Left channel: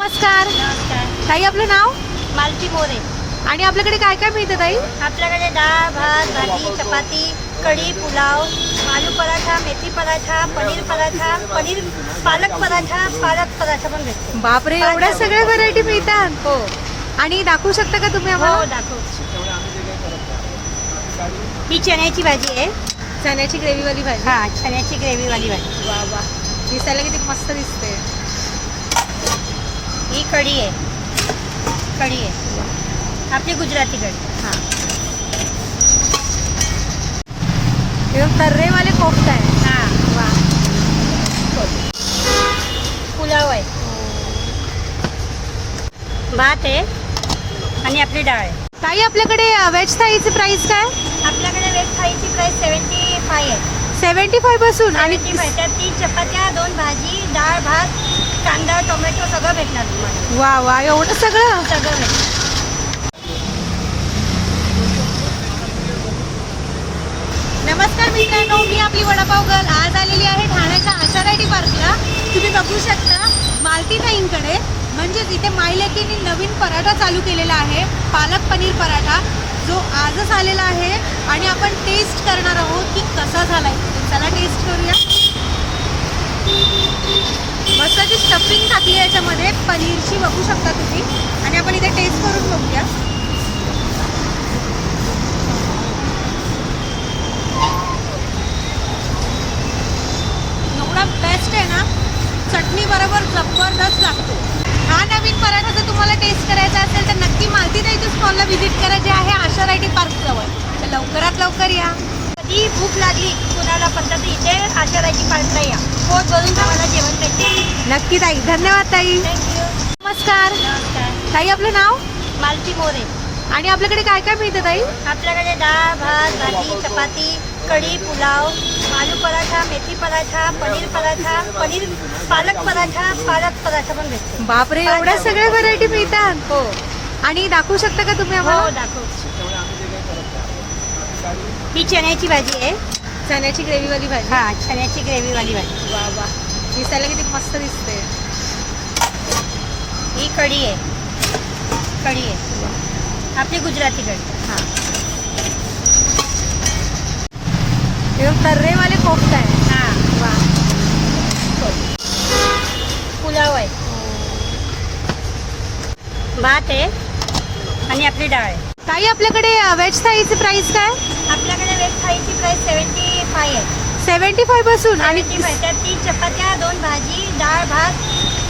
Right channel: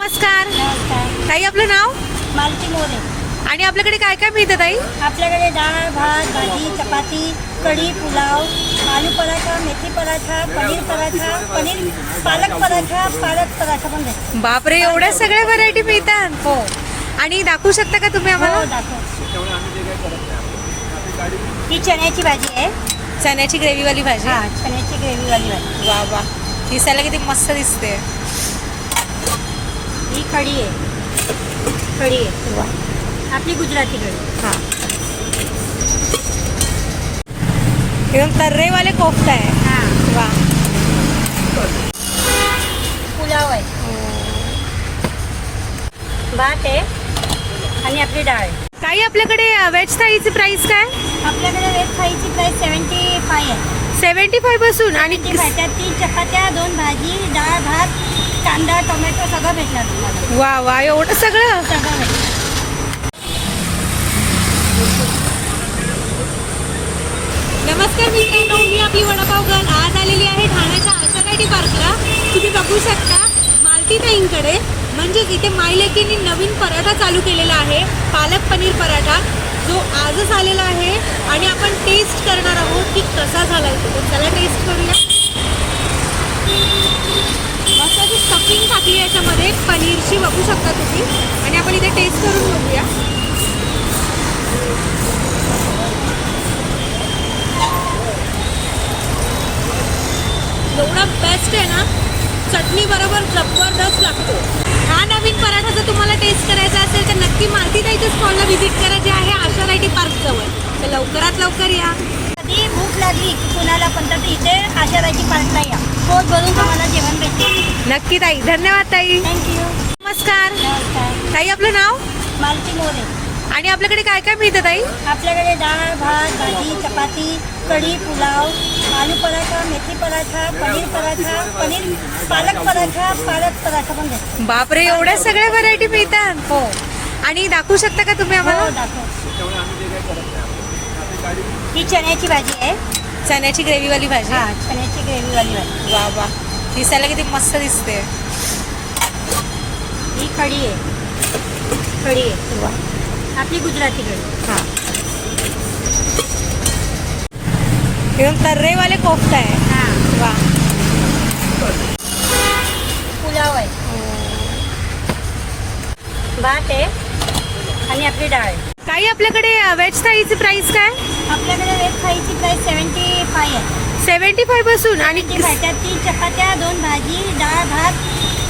नमस्कार. नमस्कार. ताई आपलं नाव मालती मोरे. आणि आपल्याकडे काय काय मिळतं ताई? आपल्याकडे डाळ भात भाजी चपाती कढी पुलाव आलू पराठा मेथी पराठा पनीर पालक पराठा पण भेटतो. बापरे, एवढ्या सगळ्या व्हरायटी मिळतात. हो आणि दाखवू शकता का तुम्ही हो आम्हाला? दाखव. ही चण्याची भाजी आहे. चण्याची ग्रेव्हीवाली भाजी. हां चण्याची ग्रेव्हीवाली भाजी. वा वा, दिसायला किती मस्त दिसते. ही कढी आहे. कढी आहे वा. आपली गुजराती कढी. हां, हे तर्रेवाले कोफ्ता आहे. हां वा. पुलाव आहे. भात आहे आणि आपली डाळ आहे. ताई आपल्याकडे व्हेज थाळीची प्राइस काय? आपल्याकडे वेज थाळीची प्राईस 75 आहे. 75 पासून. आणि 75 त्यात 3 चपात्या 2 भाजी डाळ भात कांदा टोमॅटो सगळं भेटणार तुम्हाला. वा वा, एवढं सगळं. सगळं भेटणार. नमस्कार मित्रांनो, मी आपली वडापाव गर्ल आज आलेली आहे ठाण्याच्या आशा रायटी पार्कला. तुम्ही बघू शकता मालती ताईंकडे, म्हणजेच इथे मायलेकीने नवीन पराठा चालू केलेला आहे, पालक पनीर पराठा, जो आजच आलेला आहे. आणि आपण टेस्ट करणार आहोत की कसा झाला आहे. तर चला टेस्ट करूया. मस्त अशी स्टफिंग टाकली आहे याच्यामध्ये पनीरची, बघू शकता तुम्ही. आणि आपण इथे टेस्ट करून बघूया. एवढा बेस्ट आहे ना, चटणी बरोबर जबरदस्त लागतो. हा नवीन पराठा जर तुम्हाला टेस्ट करायचा असेल तर नक्की मालती ताईच्या स्टॉलला व्हिजिट करा, जे आहे आशा रायटी पार्क जवळ. तर लवकरात लवकर या. कधी भूक लागली कुणाला पण तर इथे आशा रायटी पार्कला या. पोट भरून तुम्हाला जेवण भेटेल. नक्की ताई. धन्यवाद ताई. थँक्यू. नमस्कार. नमस्कार. ताई आपलं नाव मालती मोरे. आणि आपल्याकडे काय काय मिळतं ताई? आपल्याकडे डाळ भात भाजी चपाती कढी पुलाव आलू पराठा मेथी पराठा पनीर पालक पराठा पण भेटतो. बापरे, एवढ्या सगळ्या व्हरायटी मिळतात. हो आणि दाखवू शकता का तुम्ही हो आम्हाला? दाखव. ही चण्याची भाजी आहे. चण्याची ग्रेव्हीवाली भाजी. हां चण्याची ग्रेव्हीवाली भाजी. वा वा, दिसायला किती मस्त दिसते. ही कढी आहे. कढी आहे वा. आपली गुजराती कढी. हां, हे तर्रेवाले कोफ्ता आहे. हां वा. पुलाव आहे. भात आहे आणि आपली डाळ आहे. ताई आपल्याकडे व्हेज थाळीची प्राइस काय? आपल्याकडे वेज थाळीची प्राईस 75 आहे. 75 पासून. आणि त्यात 3 चपात्या 2 भाजी डाळ भात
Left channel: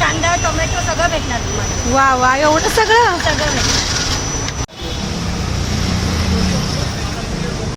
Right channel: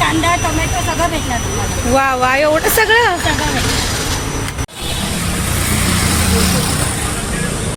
कांदा टोमॅटो सगळं भेटणार तुम्हाला. वा वा, एवढं सगळं. सगळं भेटणार.